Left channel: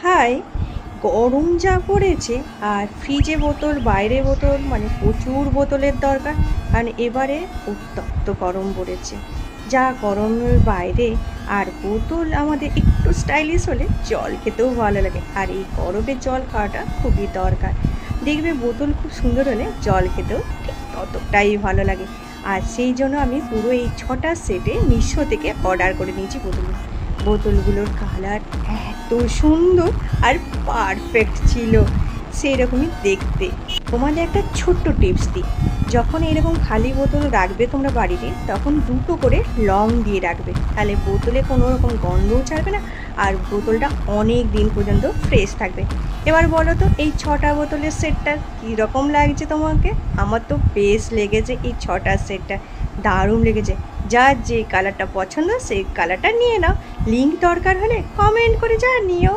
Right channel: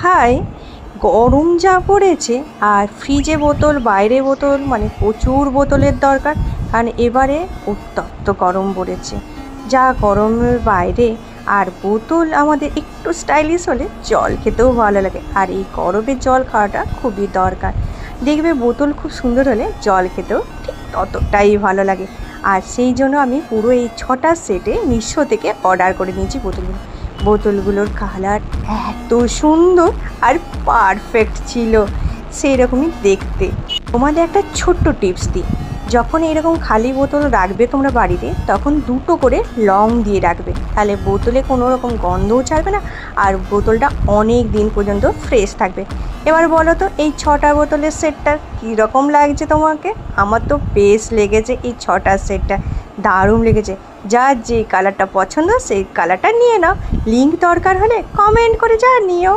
High, গরম যা পড়েছে আর ফ্রিজে বোতল বাইরে বোতল মানে প্রচুর বোতলের দরকার। কারণ এবারে উত্তপ্ত গরম পড়েছে, যা গরমের বাইরে আর বোতল আমাদের একটু স্টাইলিশ হলে জল খেতেও ভালো লাগে। আর এই গরমে জল খাওয়াটা খুবই দরকার। দেখবে বোতল খুব সুন্দর হলে জল খেতেও ঠিক ততটাই ভালো লাগে। আর সেই জন্য আমি পুরো এই 6টা সেটে মিশো থেকে অর্ডার করে নিয়েছি বোতলগুলো। বোতলগুলোর কালার এত সুন্দর আর পারফেক্ট ছিল, সেই রকমই দেখতে। তোমাদের একটা ছোট্ট টিপস দিই, যখন এরকম খালি বোতল রাখবে তোমরা বাড়িতে, তখন 2টো করে লং দিয়ে রাখবে, তাহলে বোতলে কোনো রকম গন্ধও ছাড়বে না আর বোতলটা অনেক দিন পর্যন্ত ফ্রেশ থাকবে। এবার বলো তো এই 6টা বোতলের সেটটা কীরকম লাগছে তোমাকে? আমার তো বেশ লেগেছে এই 6টা সেটটা, দারুণ লেগেছে। যার যে কালারটা পছন্দ সেই কালারটা নিয়ে নাও। লিঙ্ক দরকার হলে কমেন্ট করে জানিও।